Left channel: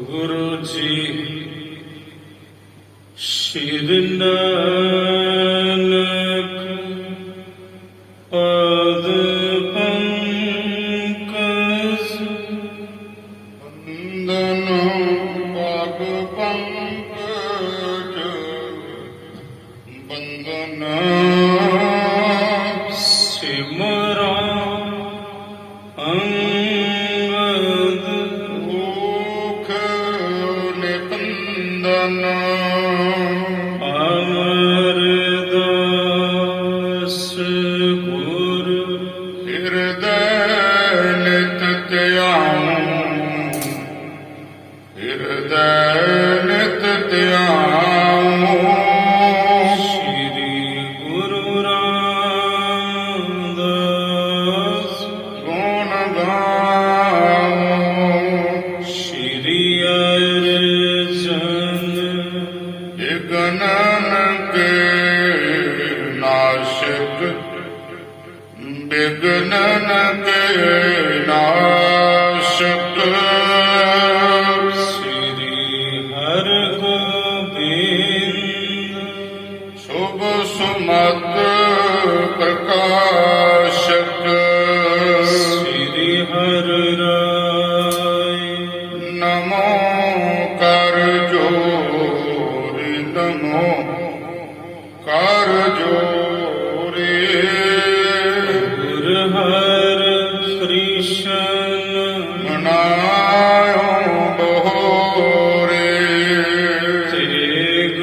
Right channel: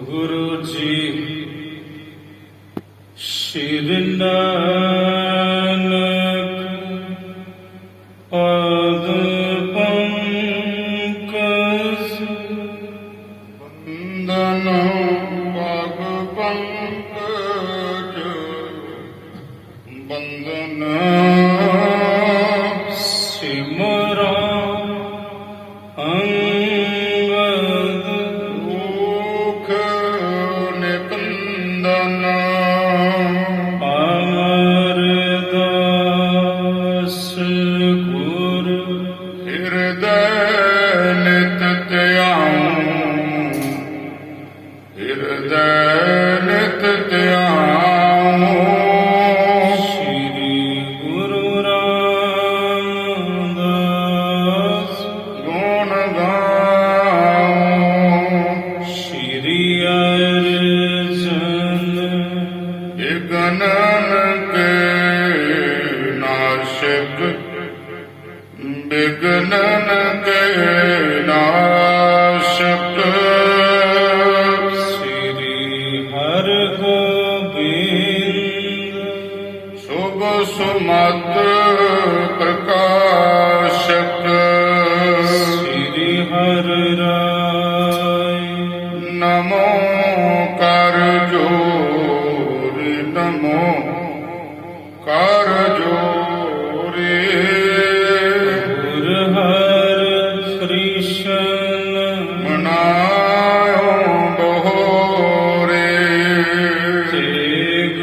ਗੁਰੂ ਜੀ ਸ਼੍ਰੀ ਨਾਨਕ ਪਦ ਪੰਕਜ ਬੰਦਨ ਪਗ ਪੰਕਜ ਬੰਦਨ ਸਿਮਰਾ ਅੰਗਦ ਰੂਖ ਨਿਕੰਦਨ ਅਮਰਦਾਸ ਗੁਰ ਹਿਰਦੈ ਨਿਤ ਧਿਆਉ ਹਿਰਦੈ ਨਿਤ ਧਿਆਉ ਸ਼੍ਰੀ ਗੁਰੂ ਰਾਮਦਾਸ ਗੁਣ ਗਾਉ ਸ਼੍ਰੀ ਅਰਜਨ ਵਿਗਨਨ ਕੇ ਨਾਸ਼ਕ ਵਿਗਨਨ ਕੇ ਨਾਸ਼ਕ ਸ਼੍ਰੀ ਹਰਿਗੋਬਿੰਦ ਸੁਭ ਸੁਮਤ ਪ੍ਰਕਾਸ਼ਕ ਸ਼੍ਰੀ ਹਰਿ ਰਾਇ ਨਮੋ ਕਰ ਜੋਰੀ ਨਮੋ ਕਰ ਜੋਰੀ ਗੁਰ ਹਰਿ ਕ੍ਰਿਸ਼ਨ ਮਨਾਉ ਬਹੋਰੇ ਤੇਗ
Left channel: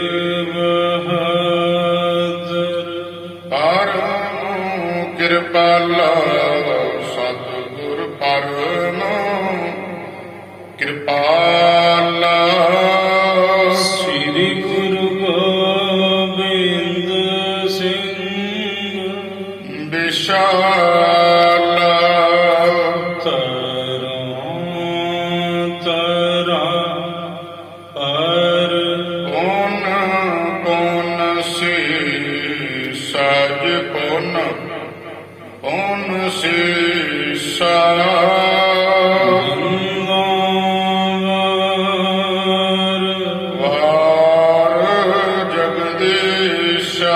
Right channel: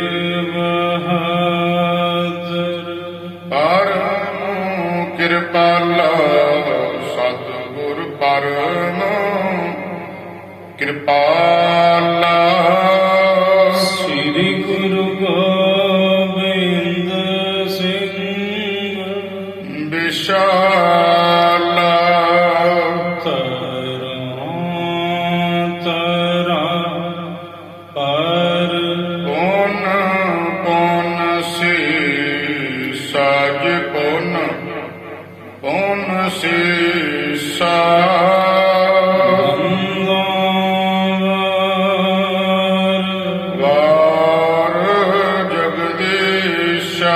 ਬਹਾਦਰ ਪਰਮ ਕਿਰਪਾਲਾ ਸਤਿਗੁਰ ਪਰਮ ਕਿਰਪਾਲਾ ਸ਼੍ਰੀ ਗੁਰੂ ਗੋਬਿੰਦ ਸਿੰਘ ਵਿਸ਼ਾਲਾ ਤਰਾਂ ਪਰ ਪੁਨ ਪੁਨ ਸੀ ਸਾਜ ਪੁਨ ਪੁਨ ਸੀ ਵਾਰ ਜਗਦੀਸ਼ਾ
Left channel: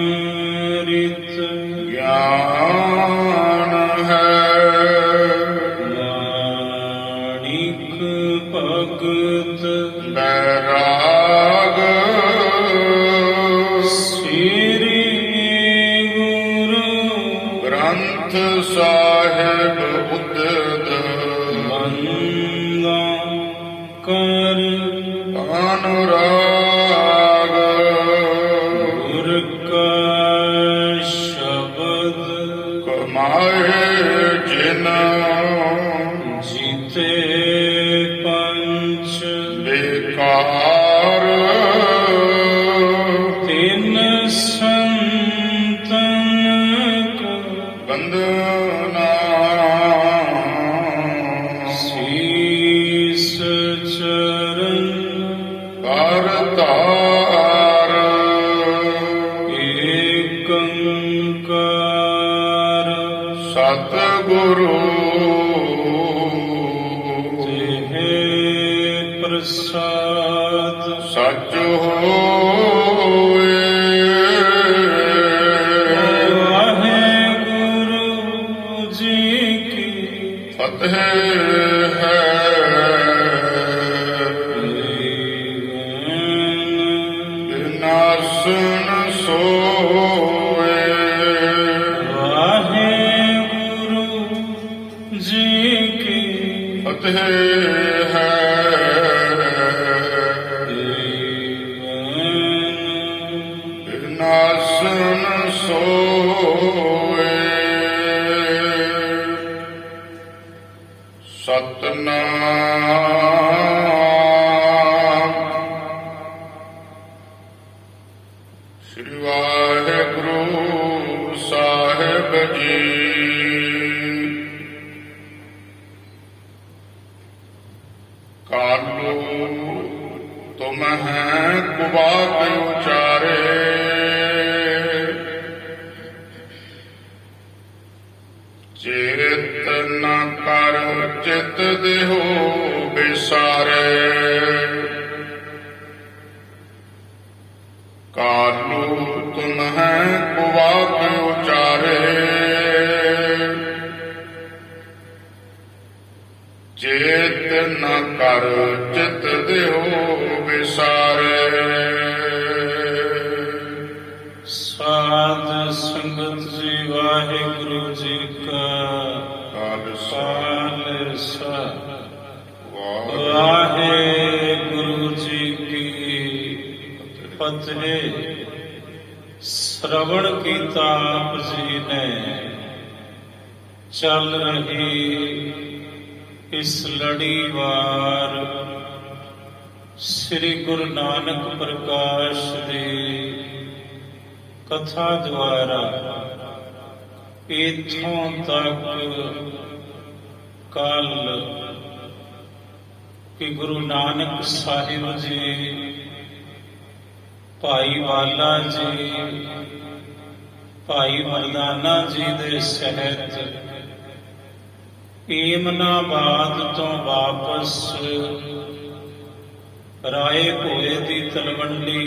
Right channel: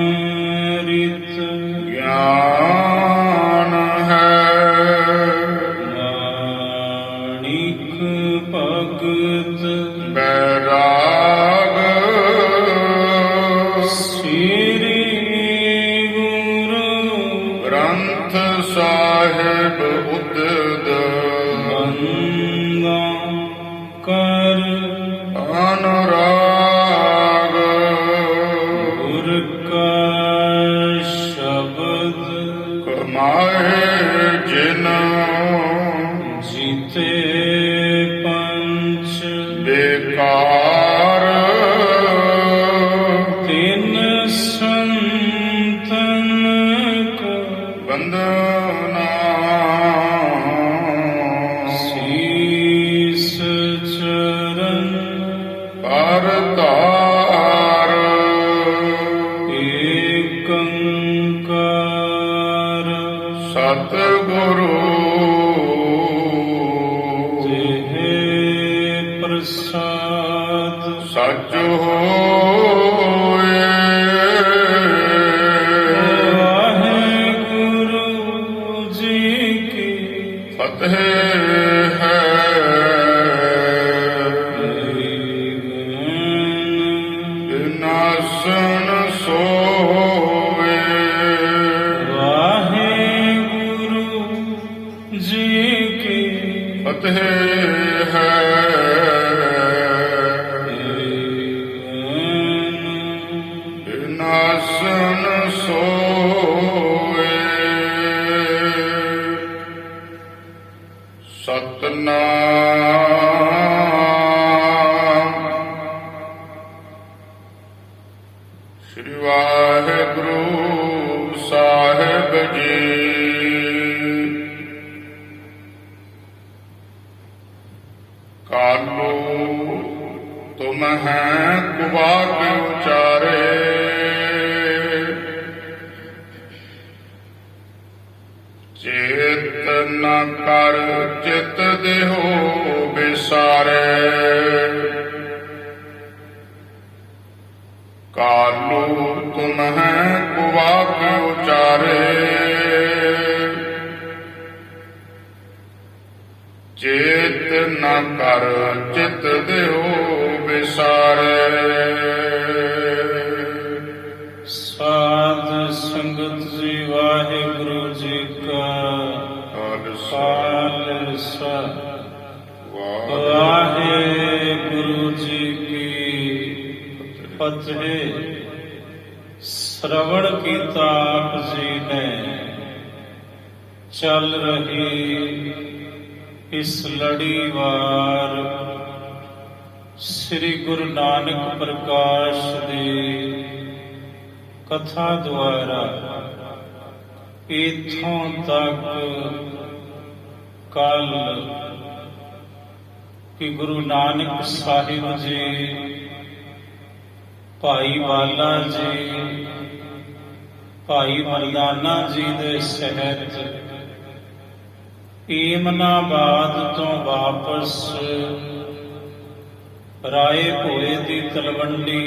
ਅੰਮ੍ਰਿਤ ਗਿਆਨ ਹੈ ਨਾਨਕ ਭਗਤ ਬੈਰਾਗ ਸ੍ਰੀ ਗੁਰੂ ਗ੍ਰੰਥ ਸਾਹਿਬ ਉਦਦ ਬੰਦਾ ਕਰ ਅਨੁਰਾਗ ਗੁਰ ਕਾ ਸ਼ਬਦ ਕਮਾਏ ਜਿਨ ਜੀਤੇ ਪੰਚ ਬੇਕਾਰ ਤਿਨ ਸੰਤਨ ਕੋ ਬੰਦਨਾ ਸੀਸ ਚਰਨ ਕਰਤਾਰ ਏਕੰਕਾਰ ਸਤਿਗੁਰੂ ਤਿਹ ਪ੍ਰਸਾਦ ਸੱਚ ਹੋਏ ਵਾਹਿਗੁਰੂ ਜੀ ਕੀ ਫਤਿਹ ਹੈ ਨਾਸਨ ਸੋਏ ਵਾਹਿਗੁਰੂ ਜੀ ਕੀ ਫਤਿਹ ਹੈ ਨਾਸਨ ਸੋਏ ਸਤਨਾਮ ਸ੍ਰੀ ਵਾਹਿਗੁਰੂ ਸਾਹਿਬ ਜੀ ਕਾਲੋ ਤੁਮ ਹੈ ਕੁਬਾ ਕੇ ਉਚਾਰੇ ਚੇਤ ਨ ਕਰ ਚਿਤ ਦੇਹੋ ਵਿਸਾਰੇ ਕਾਲੂ ਤੁਮਹਿ ਕੁਵਾਕ ਉਚਾਰੇ ਚੇਤ ਨ ਕਰ ਚਿਤ ਦੇਹੋ ਵਿਸਾਰੇ ਸਾਧ ਸੰਗਤ ਜੀ ਵਾਹਿਗੁਰੂ ਜੀ ਕਾ ਖਾਲਸਾ ਵਾਹਿਗੁਰੂ ਜੀ ਕੀ ਫਤਿਹ। ਸ਼੍ਰਵਣ ਕੀਤਾ ਆਪ ਜੀ ਨੇ ਚੱਲ ਰਹੀ ਇਸ ਲੜੀਵਾਰ ਸ੍ਰੀ ਗੁਰੂ ਨਾਨਕ ਪ੍ਰਕਾਸ਼ ਦੀ ਕਥਾ ਦੁਆਰਾ ਇੱਥੋਂ ਤੱਕ ਕੱਲ ਕਿ ਗੁਰੂ ਨਾਨਕ ਸਾਹਿਬ ਜੀ, ਭਾਈ ਵਾਲਾ ਜੀ, ਭਾਈ ਮਰਦਾਨਾ ਜੀ ਦੇ ਸਹਿਤ ਏਮਨਾਬਾਦ ਤੋਂ ਵਾਪਸ ਰਾਏ ਭੋਏ ਦੀ ਤਲਵੰਡੀ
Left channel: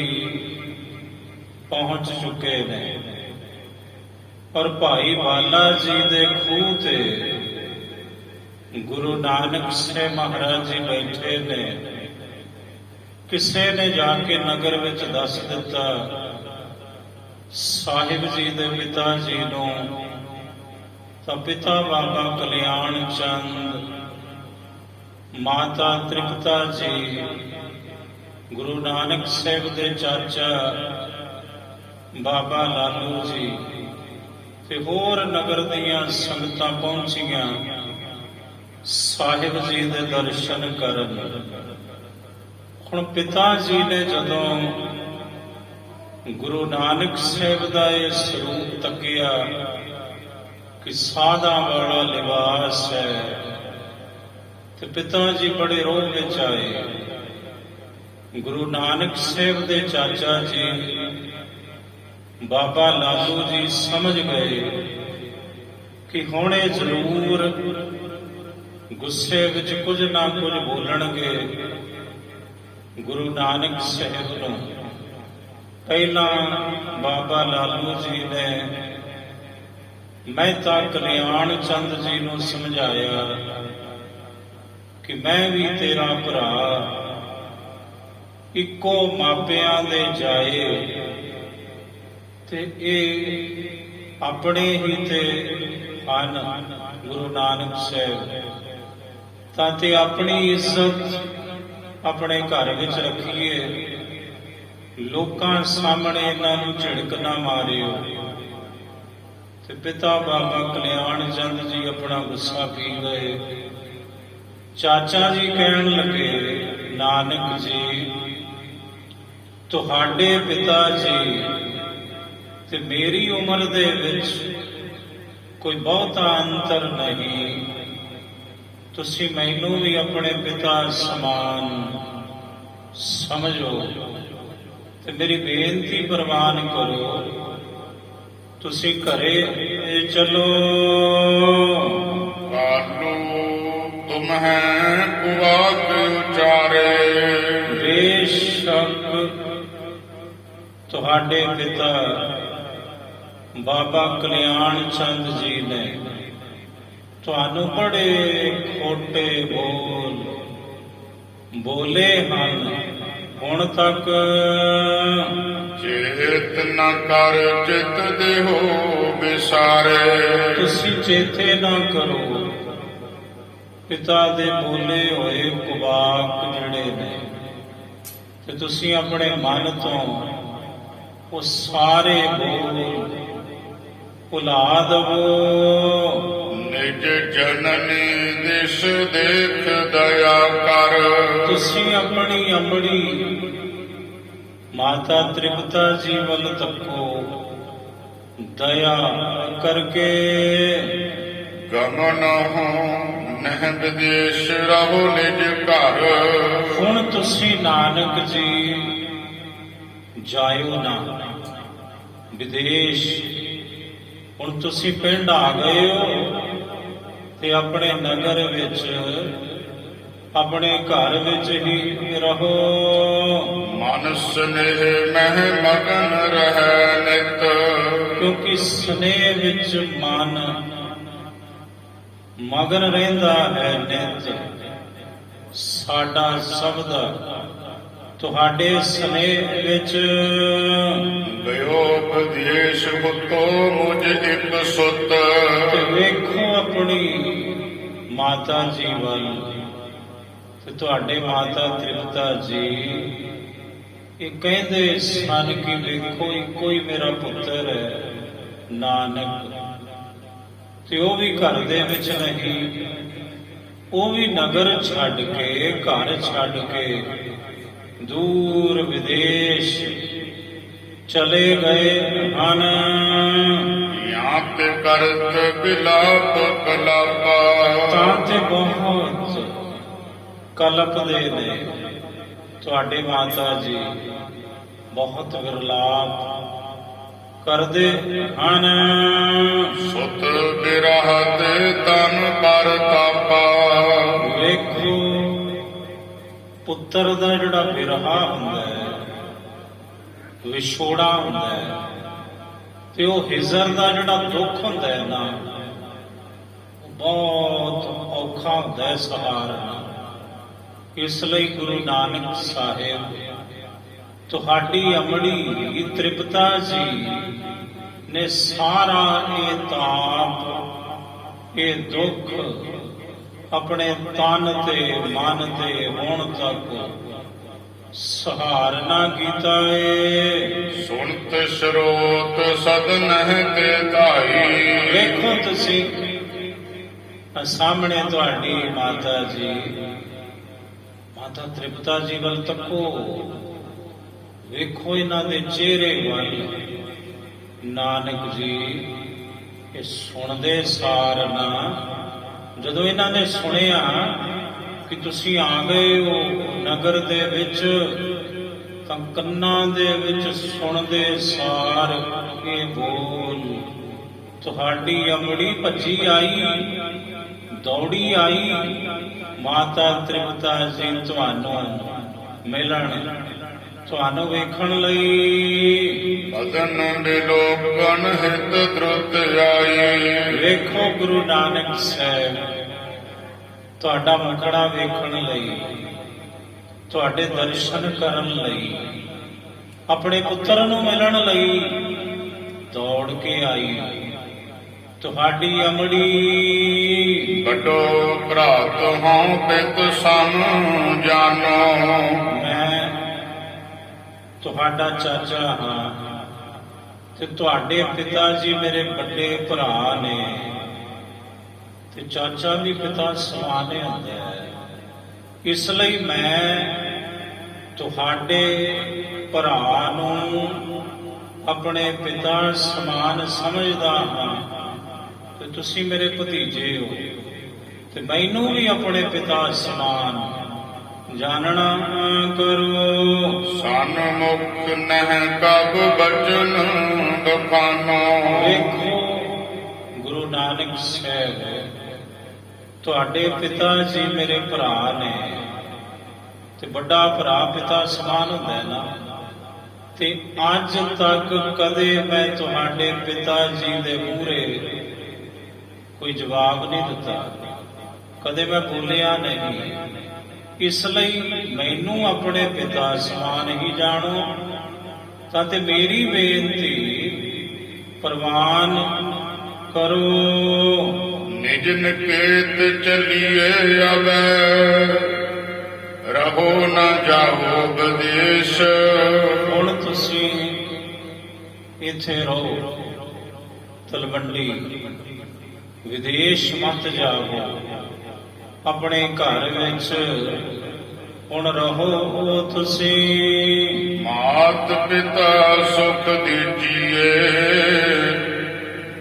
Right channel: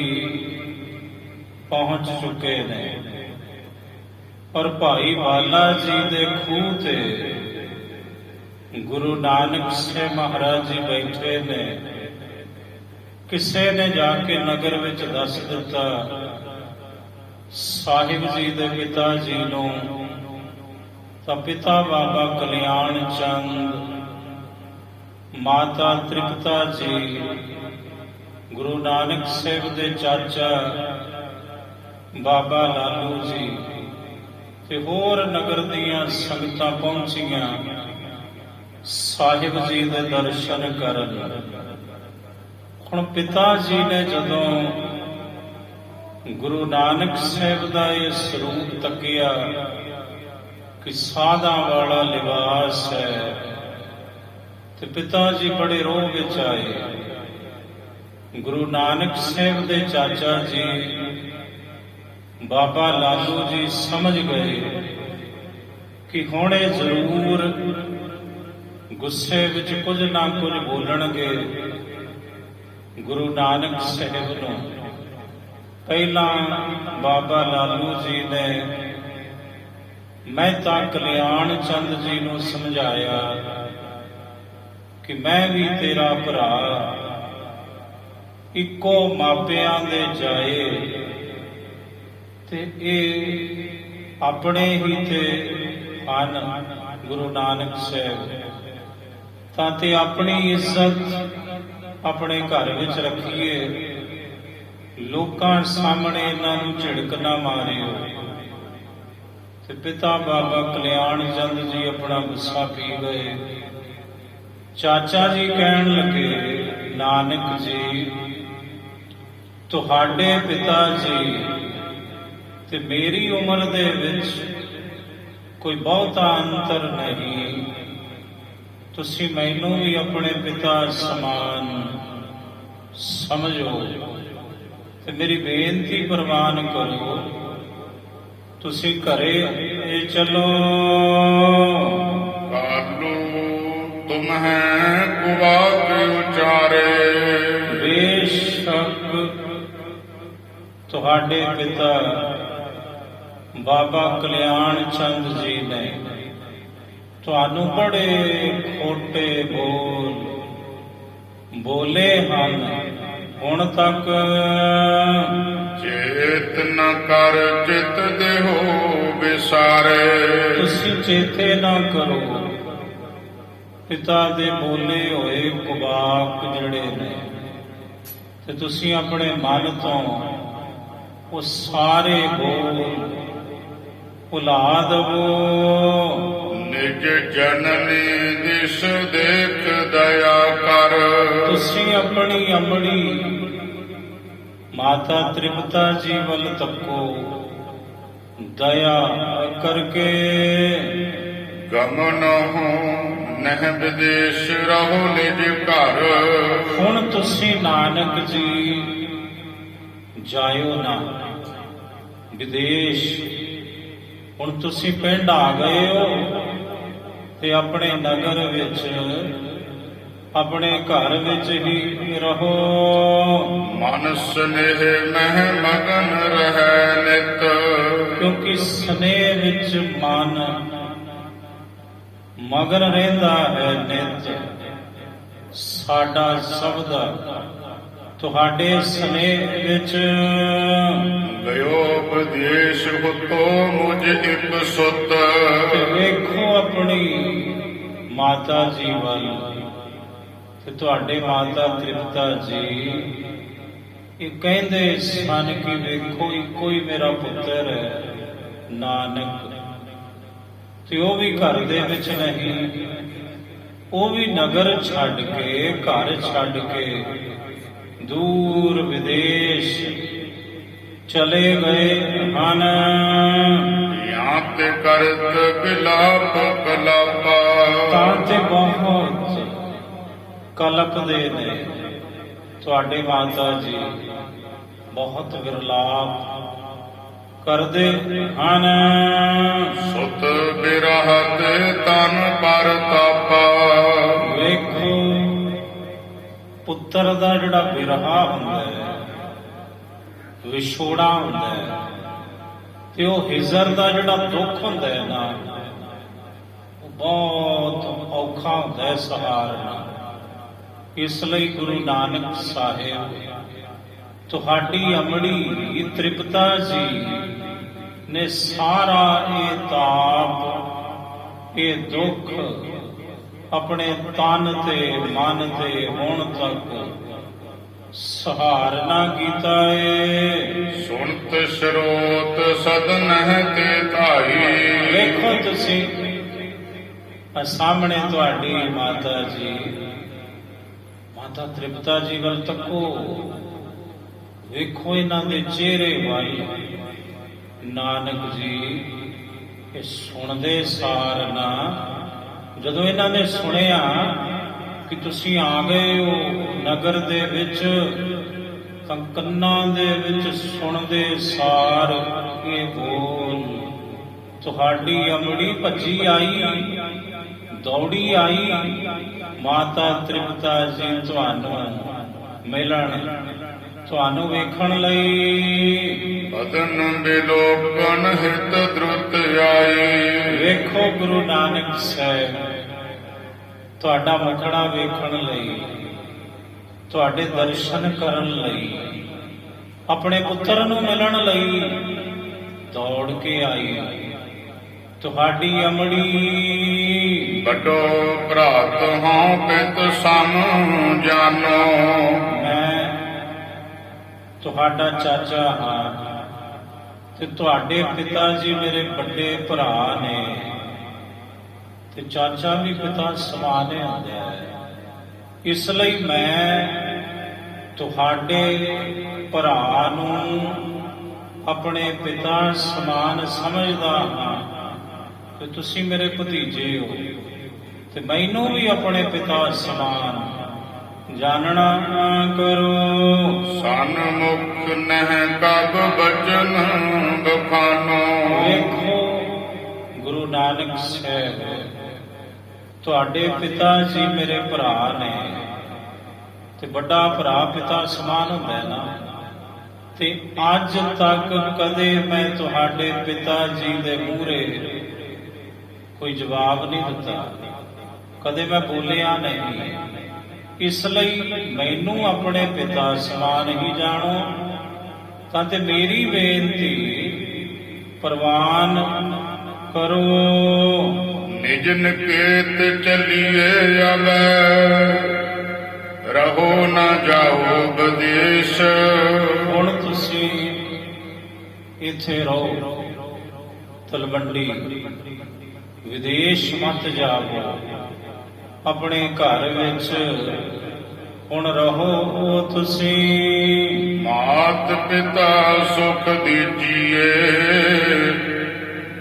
ਪਹੁੰਚ ਚੁੱਕੇ ਨੇ। ਪਰ ਭਾਈ ਵਾਲਾ ਜੀ ਦੇ ਖੂਹ ਤੇ ਗੁਰੂ ਨਾਨਕ ਸਾਹਿਬ ਮਹਾਰਾਜ ਜੀ ਬੈਠੇ ਨੇ। ਕਿਸੇ ਨੇ ਜਾ ਕੇ ਨਗਰ ਵਿੱਚ ਦੱਸ ਦਿੱਤਾ ਸਾਹਿਬ ਜੀ ਦੇ ਪਿਤਾ ਜੀ ਨੂੰ, ਤਾਂ ਪਿਤਾ ਬਾਬਾ ਕਲਿਆਣ ਚੰਦ, ਮਾਤਾ ਤ੍ਰਿਪਤਾ ਜੀ, ਗੁਰੂ ਨਾਨਕ ਸਾਹਿਬ ਦੇ ਚਾਚਾ ਬਾਬਾ ਲਾਲੂ ਜੀ ਤੇ ਹੋਰ ਨਗਰ ਦੀਆਂ ਸੰਗਤਾਂ ਪਹੁੰਚੀਆਂ ਸਾਹਿਬ ਜੀ ਦੇ ਦਰਸ਼ਨ ਕਰਨ। ਹੁਣ ਪਿਤਾ ਜੀ ਨੇ ਜਦੋਂ ਗੁਰੂ ਨਾਨਕ ਸਾਹਿਬ ਦਾ ਇਹ ਸਰੂਪ ਤੱਕਿਆ ਕਿ ਸਾਧਾਂ ਵਾਲਾ ਲਿਬਾਸ ਹੈ, ਤੇ ਪਿਤਾ ਜੀ ਬੜੇ ਰੋਹ ਵਿੱਚ ਆਏ। ਗੁਰੂ ਨਾਨਕ ਸਾਹਿਬ ਦੇ ਚਾਚਾ ਜੀ ਬਾਬਾ ਲਾਲੂ ਜੀ ਸਮਝ ਗਏ ਕਿ ਹੁਣ ਇਹ ਜ਼ਰੂਰ ਗੁੱਸੇ ਵਿੱਚ ਕੁਝ ਨਾ ਕੁਝ ਬੋਲਣਗੇ ਗੁਰੂ ਨਾਨਕ ਸਾਹਿਬ ਨੂੰ। ਪਹਿਲਾਂ ਬਾਬਾ ਲਾਲੂ ਜੀ ਨੇ ਮਹਿਤਾ ਕਲਿਆਣ ਚੰਦ ਜੀ ਨੂੰ ਸਮਝਾਇਆ ਕਿ ਮੈਂ ਵੀ ਤੇਰਾ ਭਰਾ, ਇੱਕੋ ਮਾਪਿਆਂ ਦੇ ਜਾਏ, ਤੇ ਇਹ ਆਪਣੇ ਹੀ ਤੇ ਹਨ ਗੁਰੂ ਨਾਨਕ ਸਾਹਿਬ, ਤਾਂ ਤੇ ਆਪਣੀ ਇੱਜ਼ਤ ਆਪਣੇ ਘਰ ਵਿੱਚ ਰੱਖੀਏ, ਲੋਕਾਂ ਸਾਹਮਣੇ ਇਹਨਾਂ ਨੂੰ ਝਿੜਕ ਨਾ ਮਾਰਿਓ। ਤੇ ਪਿਤਾ ਬਾਬਾ ਕਲਿਆਣ ਚੰਦ ਜੀ ਆਪਣਾ ਗੁੱਸਾ ਪੀ ਗਏ। ਚਾਚਾ ਜੀ ਕਹਿਣ ਲੱਗੇ, ਨਾਨਕ ਜੀ, ਤੁਹਾਡੇ ਪਿਤਾ ਜੀ ਤੇ ਮੇਰੀ ਉਮਰ ਦੇ ਵਿੱਚ ਕੋਈ ਬਹੁਤਾ ਅੰਤਰ ਨਹੀਂ, ਤੁਸੀਂ ਮੈਨੂੰ ਵੀ ਆਪਣੇ ਪਿਤਾ ਸਮਾਨ ਸਮਝੋ ਤੇ ਮੇਰੀ ਬੇਨਤੀ ਪ੍ਰਵਾਨ ਕਰੋ, ਤੁਸੀਂ ਘਰੇ ਚਲੋ। ਕਾਲੂ ਤੁਮਹਿ ਕੁਵਾਕ ਉਚਾਰੇ ਬੇਸ਼ੱਕ ਤੁਹਾਡੇ ਪਿਤਾ ਬਾਬਾ ਕਲਿਆਣ ਚੰਦ ਜੀ ਨੇ ਤੁਹਾਨੂੰ ਬੜੇ ਖੋਟੇ ਬੋਲੇ ਹਨ। ਹੁਣ ਤੱਕ ਚੇਤ ਨ ਕਰ ਚਿਤ ਦੇਹੋ ਵਿਸਾਰੇ ਤੁਸੀਂ ਚੇਤੇ ਨਾ ਕਰੋ ਪਿਤਾ ਦੇ ਬੋਲੇ ਹੋਏ ਕੁਵਾਕ ਜਿਹੜੇ ਨੇ, ਤੇ ਤੁਸੀਂ ਆਪਣੇ ਮਨ ਤੋਂ ਉਹ ਸਾਰੇ ਬੋਲ ਭੁਲਾ ਦਵੋ। ਨਿਜ ਜਨਨੀ ਦਿਸ ਦੇਖ ਦਇਆ ਕਰ ਤੁਸੀਂ ਆਪਣੀ ਮਾਤਾ ਤ੍ਰਿਪਤਾ ਜੀ ਵੱਲ ਤੱਕੋ, ਦਇਆ ਕਰਕੇ। ਗਮਨ ਹੋ ਨਹਿ ਵਿਦੇਸ਼ ਰਹੋ ਨਿਜ ਘਰ ਹੁਣ ਤੁਸੀਂ ਨਾਨਕ ਜੀ ਜਾਇਓ ਨਾ ਵਿਦੇਸ਼, ਹੁਣ ਤੁਸੀਂ ਪਿੰਡ ਆ ਗਏ ਹੋ, ਤੇ ਆਪਣੇ ਨਗਰ ਵਿੱਚ, ਆਪਣੇ ਘਰ ਵਿੱਚ ਹੀ ਰਹੋ। ਮਨ ਸੁਨੇਹ ਮਹਿ ਮਗਨ ਰਹਿ ਨਿਤ। ਕਿਉਂਕਿ ਸਨੇਹ ਵਿੱਚ ਮਨ ਮਗਨ ਰਹਿੰਦਾ ਹੈ ਨਿਤ। ਸਾਡਾ ਸ਼ਬਦ ਤੁਹਾਡੇ ਸਨੇਹ ਵਿੱਚ। ਗਇਓ ਵਿਦੇਸ਼ ਹੁਤੋ ਮੁਝ ਇਕ ਸੁਤ। ਤੇ ਵੇਖੋ ਆਪਣੀ ਮਾਤਾ ਜੀ ਵੱਲ, ਤੇ ਤੁਹਾਡੇ ਮਾਤਾ ਤ੍ਰਿਪਤਾ ਜੀ ਇਹ ਕਹਿੰਦੇ ਸਨ ਕਿ ਵੇਖੋ ਇੱਕੋ ਹੀ ਮੇਰਾ ਪੁੱਤਰ ਹੈ ਨਾਨਕ, ਤੇ ਉਹ ਵੀ ਘਰ ਦੇ ਵਿੱਚ ਨਹੀਂ, ਉਹ ਵੀ ਨਗਰ ਛੱਡ ਕੇ, ਘਰ ਛੱਡ ਕੇ ਦੂਰ ਵਿਦੇਸ਼ ਚਲੇ ਗਏ ਹਨ। ਜਾਂ ਤੇ ਕਰਤ ਬਿਲਾਪ ਕਲਾਪਾ। ਤਾਂ ਤੇ ਬਹੁਤ ਕਲਪਦੇ ਨੇ ਤੁਹਾਡੇ ਮਾਤਾ ਜੀ, ਬਹੁਤ ਵਿਰਲਾਪ ਕਰਦੇ ਹਨ। ਸੁਤ ਬਿਰਹ ਤੇ ਤਨ ਪਰ ਤਾਪਾ। ਵੇਖੋ ਪੁੱਤਰ ਦਾ ਜਿਹੜਾ ਬਿਰਹਾ ਹੁੰਦਾ ਹੈ, ਵਿਛੋੜਾ ਹੁੰਦਾ ਹੈ, ਤੇ ਉਹ ਹਿਜਰ ਦਾ ਜਿਹੜਾ ਦੁੱਖ ਹੁੰਦਾ ਹੈ ਨਾ, ਉਹ ਬਹੁਤ ਔਖਾ ਹੁੰਦਾ ਹੈ ਸਹਾਰਨਾ। ਇਸ ਲਈ ਗੁਰੂ ਨਾਨਕ ਸਾਹਿਬ ਤੁਹਾਡੀ ਅਮੜੀ ਤ੍ਰਿਪਤਾ ਜੀ ਨੇ ਸਾਰਾ ਇਹ ਤਾਪ, ਇਹ ਦੁੱਖ ਆਪਣੇ ਤਨ ਤੇ ਮਨ ਤੇ ਹੁਣ ਤੱਕ ਸਹਾਰਨਾ ਕੀਤਾ ਏ। ਸੁਣਤ ਸਰੋਤ ਸਦਨ ਤੇ ਧਾਈ। ਵੇਖੋ ਤੁਸੀਂ ਸਾਹਮਣੇ ਤੁਹਾਡੀ ਮਾਤਾ ਜੀ, ਮਾਤਾ ਤ੍ਰਿਪਤਾ ਜੀ ਵੱਲ ਤੱਕੋ, ਵੇਖੋ ਇਹਨਾਂ ਦੇ ਚਿਹਰੇ ਵੱਲ। ਨਾਨਕ ਜੀ ਇਹ ਸੁਣਦੇ ਸਾਰ ਨਾ, ਜਦੋਂ ਇਹਨਾਂ ਨੇ ਸੁਣਿਆ ਕਿ ਤੁਸੀਂ ਆ ਗਏ ਹੋ ਨਗਰ ਦੇ ਵਿੱਚ, ਤਾਂ ਕੰਨਾਂ ਦੇ ਵਿੱਚ ਸੁਣਦੇ ਸਾਰ ਇਹ ਬੋਲ, ਤੁਹਾਡੀ ਅਮੜੀ ਭੱਜੀ ਆਈ, ਦੌੜੀ ਆਈ ਮਾਤਾ ਤ੍ਰਿਪਤਾ ਜੀ ਤੁਹਾਨੂੰ ਮਿਲਣ, ਤੁਹਾਨੂੰ ਵੇਖਣ ਲਈ। ਬਦਨ ਬਿਲੋਕਨ ਹਿਤ ਦ੍ਰੁਤ ਆਈ। ਵੇਖੋ ਗੁਰੂ ਨਾਨਕ ਸਾਹਿਬ ਤੁਹਾਡਾ ਮੁਖੜਾ ਵੇਖਣ ਲਈ, ਤੁਹਾਡੇ ਦਰਸ਼ਨ ਕਰਨ ਲਈ, ਆਪਣੇ ਪੁੱਤਰ ਨੂੰ ਮਿਲਣ ਲਈ ਦੌੜ ਕੇ ਆਈ। ਤੁਹਾਡੀ ਅਮੜੀ ਵੱਡੋ ਭਰਾਤ ਹਾਂ ਪਿਤ ਸਾਨੂੰ ਜਾਨੋ। ਮੈਂ ਤੁਹਾਡਾ ਚਾਚਾ ਹਾਂ, ਤੇ ਤੁਹਾਡੇ ਪਿਤਾ ਜੀ ਮੇਰੇ ਵੱਡੇ ਭਰਾ ਨੇ, ਤੇ ਚਾਚਾ ਵੀ ਪਿਤਾ ਸਮਾਨ ਹੀ ਹੁੰਦਾ ਹੈ। ਇਸ ਲਈ ਮੈਂ ਤੁਹਾਡੇ ਭਰਾ ਨੂੰ ਆਪਣੇ ਪਿਤਾ ਸਮਾਨ ਸਮਝਦਾ ਹਾਂ, ਤੇ ਤੁਸੀਂ ਮੇਰੇ ਭਤੀਜੇ ਹੋ, ਤੇ ਮੈਨੂੰ ਵੀ ਆਪਣੇ ਪਿਤਾ ਸਮਾਨ ਜਾਣਨਾ ਕਰੋ। ਸਨਮੁਖ ਨਹਿ ਕਬ ਬਚਨ ਬਖਾਨੋ। ਵੇਖੋ ਗੁਰੂ ਨਾਨਕ ਸਾਹਿਬ ਤੁਹਾਡੇ ਪਿਤਾ ਜੀ ਮੇਰੇ ਭਰਾ ਨੇ, ਤੇ ਵੱਡਾ ਭਰਾ ਪਿਤਾ ਸਮਾਨ ਹੁੰਦਾ ਹੈ ਨਾ, ਤੇ ਅੱਜ ਤੱਕ ਕਦੇ ਮੈਂ ਤੁਹਾਡੇ ਪਿਤਾ ਜੀ ਦੇ ਮੂਹਰੇ ਕੋਈ ਜਵਾਬ ਨਹੀਂ ਦਿੱਤਾ, ਕਦੇ ਮੈਂ ਬੋਲਿਆ ਨਹੀਂ। ਇਸ ਲਈ ਮੈਨੂੰ ਆਪਣੇ ਪਿਤਾ ਸਮਾਨ ਹੀ ਜਾਣੋ, ਤਾਂ ਤੇ ਮੇਰੀ ਬੇਨਤੀ ਪ੍ਰਵਾਨ ਕਰੋ। ਨਿਜ ਨਿਕੇਤ ਚਲੀਏ ਆਵੇ, ਰਹੋ ਨ ਜਾਓ ਵਿਦੇਸ਼। ਹੁਣ ਤੁਸੀਂ ਇੱਥੇ ਰਹੋ, ਤਲਵੰਡੀ, ਵਿਦੇਸ਼ ਮਤ ਜਾਓ, ਆਪਣੇ ਘਰ ਵਿੱਚ ਹੁਣ ਰਹੋ ਤੁਸੀਂ। ਮਾਤ ਪਿਤਾ ਸੁਖ ਦੀਜੀਏ,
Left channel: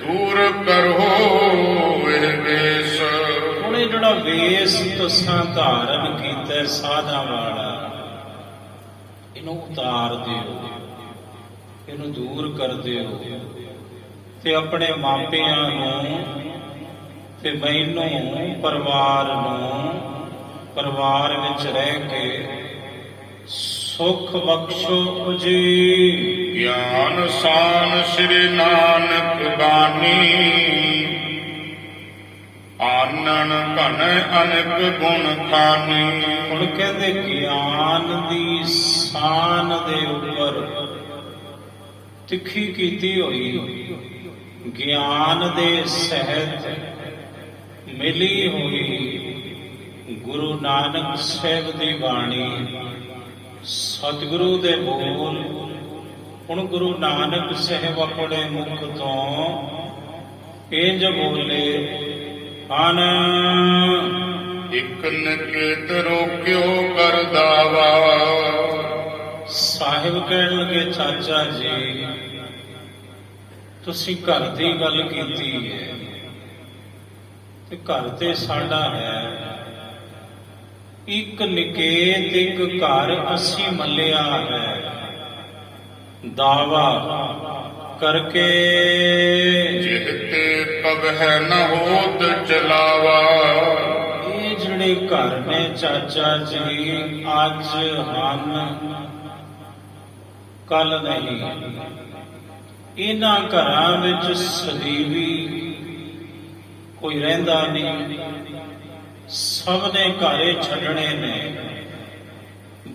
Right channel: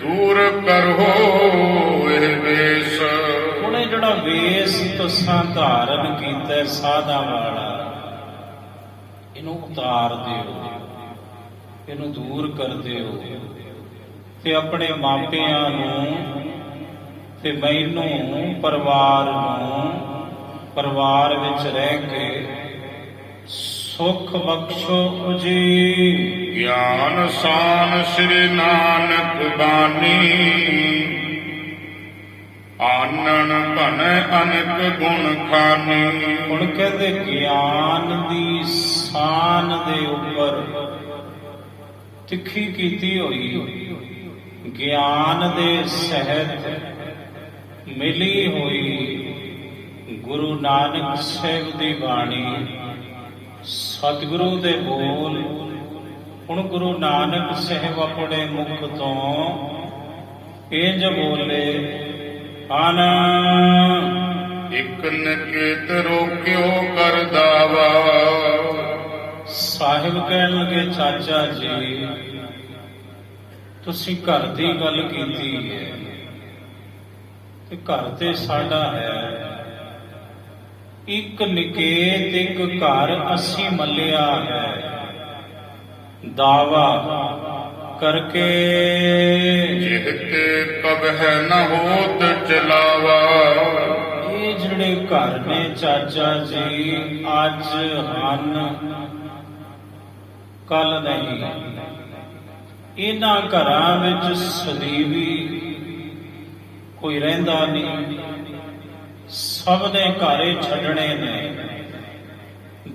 ਦੂਰ ਕਰੋ ਇਹ ਵੇਸ। ਹੁਣ ਇਹ ਜਿਹੜਾ ਵੇਸ ਤੁਸਾਂ ਧਾਰਨ ਕੀਤਾ ਸਾਧਾਂ ਵਾਲਾ, ਇਹਨੂੰ ਉਤਾਰ ਦਿਓ, ਇਹਨੂੰ ਦੂਰ ਕਰ ਦਿਓ, ਤੇ ਆਪਣੇ ਮਾਪਿਆਂ ਨੂੰ ਤੇ ਮੈਨੂੰ ਪਰਿਵਾਰ ਵਿੱਚ ਰਹਿ ਕੇ ਸੁਖ ਬਖਸ਼ੋ ਜੀ। ਗਿਆਨ ਸਾਨ ਸ੍ਰੀ ਨਾਨਕ ਬਾਣੀ, ਆਨਣ ਘਨ ਅਨੇਕ ਗੁਣ ਖਾਨੀ। ਹੁਣ ਕਹਿੰਦੇ ਗਿਆਨ ਦੀ ਸਾਨ ਦੇ ਉੱਪਰ ਤਿੱਖੀ ਕੀਤੀ ਹੋਈ, ਗਿਆਨ ਦੇ ਸਹਿਤ ਮਿਲੀ ਹੋਈ ਗੁਰੂ ਨਾਨਕ ਸਾਹਿਬ ਦੀ ਬਾਣੀ, ਸਤਿਗੁਰੂ ਦੇ ਬੋਲ। ਹੁਣ ਗੁਰੂ ਨਾਨਕ ਸਾਹਿਬ ਆਪਣੇ ਮੁਖ ਤੋਂ ਇੰਜ ਬੋਲੇ, ਆਨ ਇਕ ਨਿਕੇਤ ਰੋਕਿਓ ਕਰ ਦਾਵਾ। ਸਾਹਿਬ ਕਹਿਣ ਲੱਗੇ, ਚਾਚਾ ਜੀ ਤੁਸੀਂ ਘਰ ਦੀ ਗੱਲ ਕੀਤੀ ਹੈ, ਤੇ ਘਰ ਤੇ ਸਾਡਾ ਹੈ। ਇੱਕ ਨਿਕੇਤ ਇੱਕ ਘਰ ਅਸੀਂ ਮੱਲਿਆ ਹੈ, ਦਾਵਾ ਕਰਕੇ ਜਿਹਤੇ ਕਬਹਿ ਨ ਹੋਤ ਚਲਾਵਾ। ਇਹ ਜਿਹੜੇ ਘਰ ਨੇ ਚਾਚਾ ਜੀ ਅੱਜ ਹਨ, ਕੱਲ ਨਹੀਂ। ਇਹਨਾਂ ਘਰਾਂ ਵਿੱਚ ਸਦੀਵੀ ਕੋਈ ਰਹਿੰਦਾ ਨਹੀਂ, ਸਭ ਨੇ ਘਰ ਛੱਡਣੇ ਨੇ।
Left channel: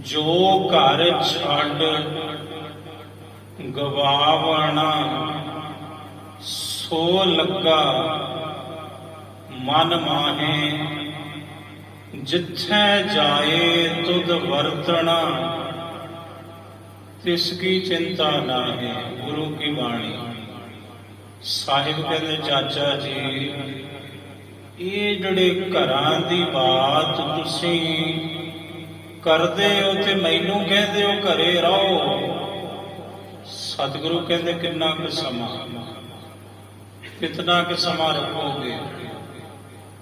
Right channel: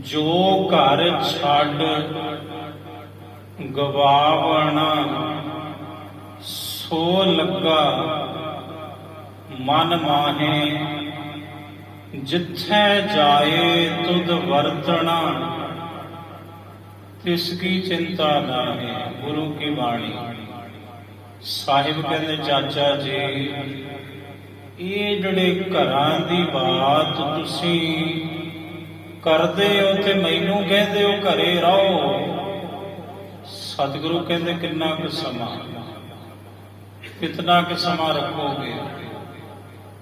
ਜੋ ਘਰ ਛੱਡ ਗਵਾਵਣਾ ਸੋ ਲੱਗਾ ਮਨ ਮਾਹੇ, ਜਿੱਥੇ ਜਾਏ ਤੁਧ ਵਰਤਣਾ ਤਿਸ ਕੀ ਚਿੰਤਾ ਨਾਹੀ। ਗੁਰੂ ਕੀ ਬਾਣੀ। ਸਾਹਿਬ ਕਹਿੰਦੇ, ਚਾਚਾ ਜੀ ਇਹ ਜਿਹੜੇ ਘਰਾਂ ਦੀ ਬਾਤ ਤੁਸੀਂ ਕਰਦੇ ਹੋ ਤੇ ਮੈਨੂੰ ਕਹਿੰਦੇ ਹੋ ਘਰੇ ਰਹੋ। ਸਤਿਗੁਰੂ ਕਹਿੰਦੇ, ਕਿੰਨਾ ਕੁ ਸਮਾਂ, ਕਿਤਨਾ ਕੁ ਸਮਾਂ ਰੱਖੋਗੇ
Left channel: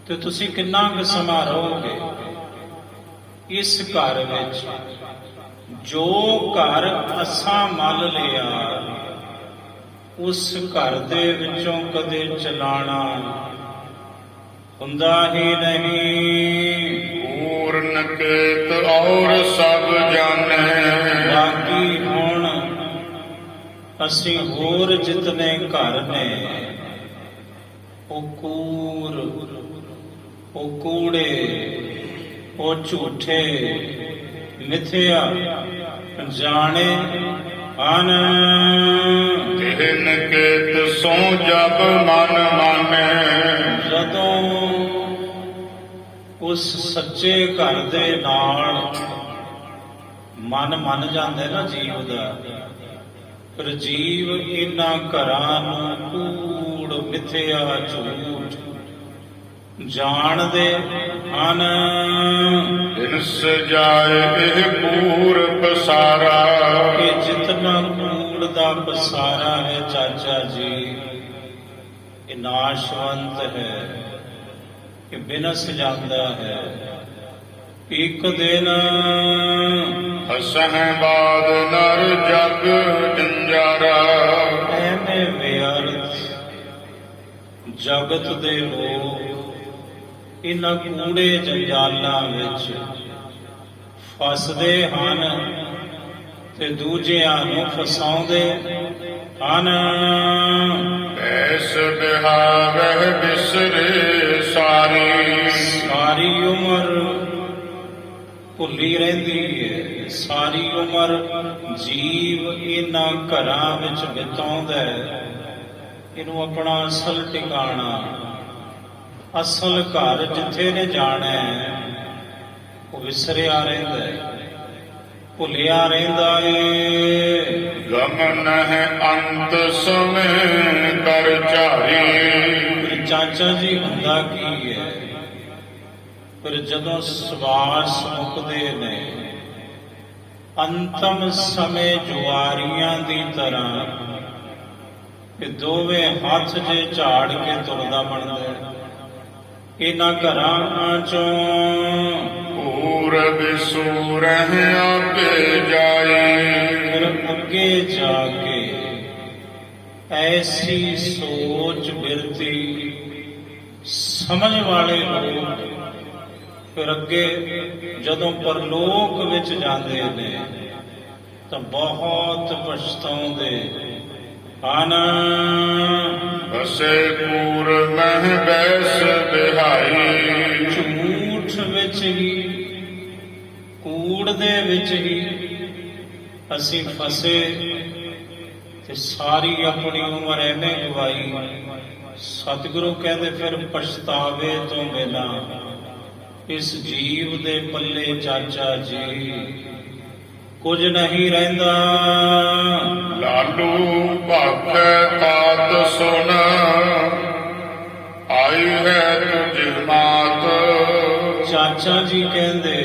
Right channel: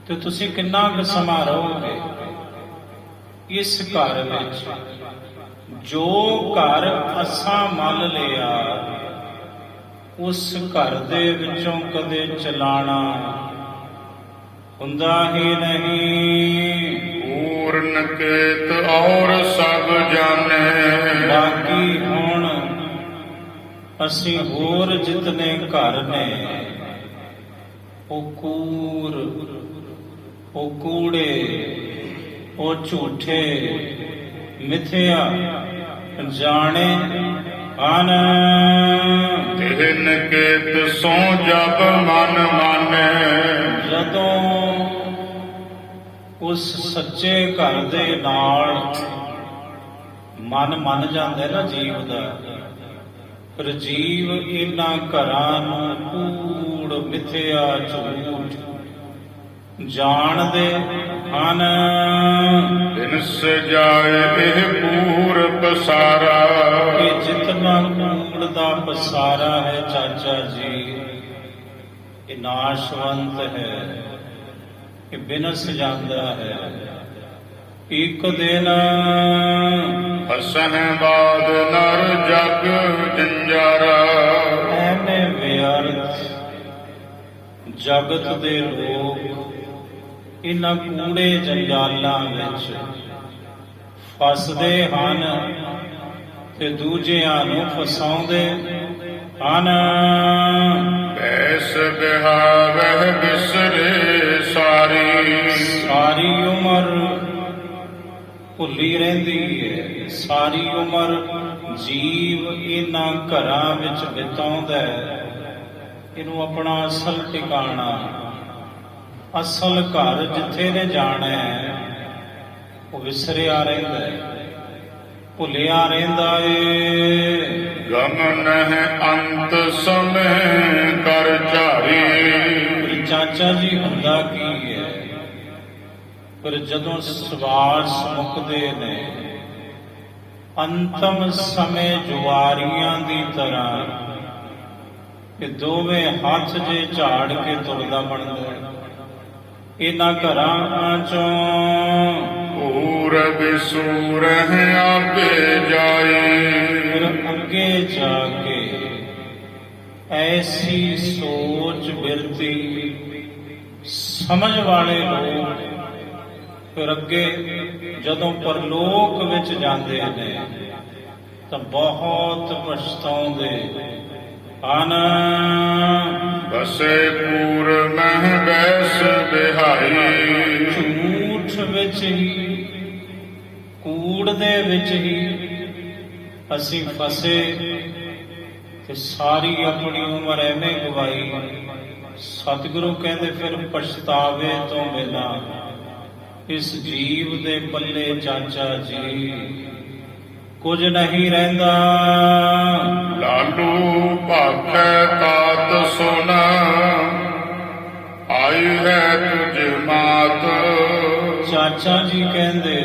ਤੇ ਤੁਸੀਂ ਕਿੰਨਾ ਕੁ ਸਮਾਂ ਰਹੋਗੇ ਇਸ ਘਰ ਵਿੱਚ। ਜੋ ਘਰ ਅਸਾਂ ਮੱਲ ਲਿਆ, ਉਸ ਘਰ ਦੇ ਵਿੱਚੋਂ ਕਦੇ ਚਲਾਣਾ ਹੁੰਦਾ ਹੀ ਨਹੀਂ। ਪੂਰਨ ਕੇਤ ਔਰ ਸਭ ਜਾਣੈ। ਬਾਕੀ ਹੁਣ ਅਸੀਂ ਹੋਰ ਜਿਤਨੇ ਘਰ ਨੇ, ਉਹ ਕੂੜ, ਉਹ ਕੂੜੇ, ਉਹ ਝੂਠੇ, ਮਿਥਿਆ ਜਾਣੇ ਹਨ। ਤਿਨ ਕੇਤ ਸੋ ਜਪ ਮਨ ਮਾਨੈ। ਜਦੋਂ ਉਸ ਸੱਚੇ ਘਰ ਦੇ ਨਾਲ ਮਨ ਮੰਨ ਜਾਂਦਾ ਨਾ ਜੀਵ ਦਾ, ਪਰ ਜੀਵ ਇਹਨਾਂ ਘਰਾਂ ਨੂੰ ਕੂੜ, ਮਿਥਿਆ, ਝੂਠ ਜਾਣਦੇ ਹਨ। ਤਿਨਸ ਜਾਏ ਇਹ ਪੂਰ ਪਸਾਰਾ। ਇਹ ਜਿਤਨਾ ਕੂੜ ਦਾ ਪਸਾਰਾ ਹੈ ਚਾਚਾ ਜੀ, ਇਹ ਨਾਸ਼ਵੰਤ ਹੈ, ਇਹ ਬਿਨਸ ਜਾਂਦਾ ਹੈ। ਇੱਕ ਦਿਨ ਹਸਨ ਬਾਦ ਨਰ ਜਗ ਜੰਜਾਰਾ। ਐਵੇਂ ਵਿਅਰਥ ਜਗਤ ਦੇ ਲੋਕ ਇਹਨਾਂ ਕੂੜੇ ਜੰਜਾਲਾਂ ਵਿੱਚ ਫਸਦੇ ਹਨ ਤੇ ਦੂਜਿਆਂ ਨੂੰ ਫਸਾਉਂਦੇ ਹਨ। ਐਸ ਬਿਹਾਵਹਿ ਬਿਸਰੇ ਸਾਰੀ। ਸਾਰੀ ਉਮਰ ਭੁੱਲੀ ਰਹਿੰਦੀ ਹੈ, ਸਾਰੀ ਉਮਰ ਜੀਵ ਇਹਨਾਂ ਘਰਾਂ ਵਿੱਚ ਬਿਤਾਉਂਦਾ ਹੈ। ਇਹਨੂੰ ਆਪਣਾ ਅਸਲ ਟਿਕਾਣਾ, ਅਸਲ ਘਰ ਜਿੱਥੇ ਨੇ ਜਾਣਾ ਹੈ, ਉਹ ਵਿਸਰਿਆ ਰਹਿੰਦਾ ਹੈ, ਭੁੱਲਿਆ ਰਹਿੰਦਾ ਏ। ਗਮਨ ਹੈ ਅੰਤ ਸਮੇ ਕਰ ਝਾਰੀ। ਚਾਚਾ ਜੀ ਹੁੰਦਾ ਕੀ ਹੈ, ਫਿਰ ਜਦੋਂ ਸਵਾਸ ਮੁੱਕਦੇ ਨੇ, ਅੰਤਮ ਸਮੇਂ ਜੁਆਰੀਆਂ ਦੀ ਤਰ੍ਹਾਂ ਇਹ ਦੋਵੇਂ ਹੱਥ ਜੇ ਝਾੜ ਕੇ ਤੁਰਦਾ ਬਣਦਾ ਹੈ। ਇਹਨਾਂ ਘਰਾਂ ਚੋਂ ਪੂਰਬ ਸੂਰਹਿ ਆਪੇ ਜਾਈ। ਫਿਰ ਅੱਗੇ ਜਾ ਕੇ ਐਸੀ ਸੋਚ ਬਿਰਤੀ ਸਮਝ ਵਾਲੇ ਲੋਕ ਫਿਰ ਅੱਗੇ ਜਦੋਂ ਪਰਲੋਕ ਵਿੱਚ ਜਾਂਦੇ ਨੇ ਤਾਂ ਬਹੁਤ ਪਛਤਾਉਂਦੇ ਹਨ। ਬਸੇ ਕੂੜ ਮਹਿ ਬੈਸ ਬਿਹਾਈ, ਝੂਠ ਵਿੱਚ ਹੀ, ਕੂੜ ਦੇ ਵਿੱਚ ਹੀ ਅਸੀਂ ਫਸੇ ਤੇ ਸਾਰੀ ਆਪਣੀ ਉਮਰ ਐਵੇਂ ਗਵਾਈ। ਸਤਿਗੁਰੂ ਕਹਿੰਦੇ ਫਿਰ ਪਛਤਾਵੇ ਤੋਂ ਬਿਨਾਂ ਇਸ ਜੀਵ ਦੇ ਪੱਲੇ ਚਾਚਾ ਜੀ ਕੁਝ ਨਹੀਂ ਰਹਿੰਦਾ। ਲਾਲੂ ਭਾਖੈ ਤਾਤ ਸੁਨ, ਆਈ ਹੈ ਤੁਝ ਮਾਤ। ਚਾਚਾ ਜੀ ਕਹਿੰਦੇ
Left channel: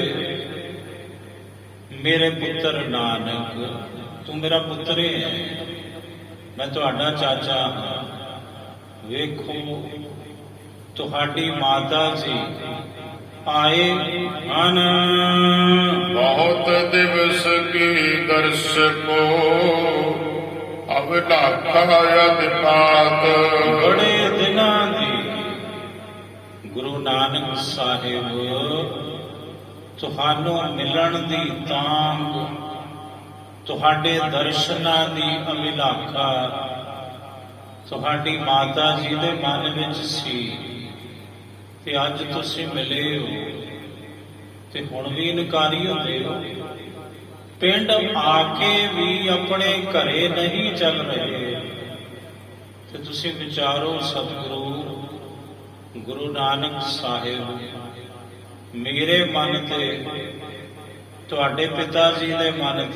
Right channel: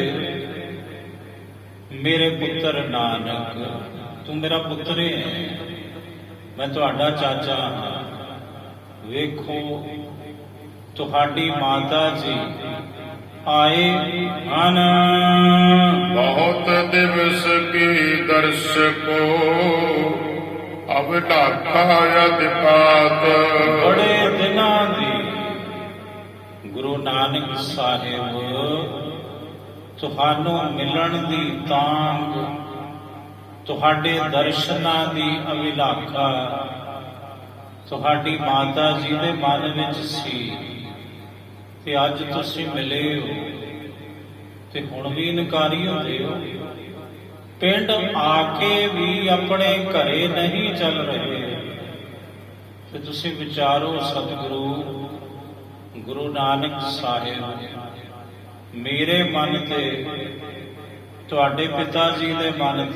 ਮੇਰੇ ਪੁੱਤਰ ਨਾਨਕ, ਤੂੰ ਮੇਰਾ ਪੁੱਤਰ ਹੈ, ਮੈਂ ਤੁਹਾਡਾ ਚਾਚਾ ਹਾਂ। ਵੇਖੋ ਤੁਹਾਡੀ ਮਾਤਾ ਜੀ ਆਏ ਹਨ। ਬਹੁਤ ਦਿਵਸ ਕੀ ਦਰਸ ਕੋ, ਅਬ ਲਾਖਾ ਯਦ ਪਾਤ। ਬੜੇ ਦਿਨਾਂ ਦੀ ਗੁਰੂ ਨਾਨਕ ਸਾਹਿਬ ਤੁਹਾਨੂੰ ਮਿਲਣ ਦੀ ਤਾਂਘ, ਤੁਹਾਡੇ ਦਰਸ਼ਨਾਂ ਦੀ ਅਭਿਲਾਖਾ ਤੁਹਾਡੀ ਮਾਤਾ ਜੀ ਦੇ ਮਨ ਵਿੱਚ ਸੀ ਤੇ ਅੱਜ ਤੁਸੀਂ ਮਿਲੇ ਹੋ ਤੇ ਹੁਣ ਵੀ ਇਨਕਾਰੀ ਹੁੰਦੇ ਹੋ। ਪਿੰਡ ਆ ਕੇ ਵੀ ਆਪਣੇ ਘਰੇ ਨਹੀਂ ਚੱਲ ਰਹੇ ਤੇ ਤੁਸੀਂ ਵਿਚਾਰੋ ਸਤਿਗੁਰੂ ਗੁਰੂ ਨਾਨਕ ਸਾਹਿਬ ਮੇਰੇ ਮਨ ਤੇ, ਤੁਹਾਡੇ ਪਿਤਾ ਜੀ ਦੇ ਮਨ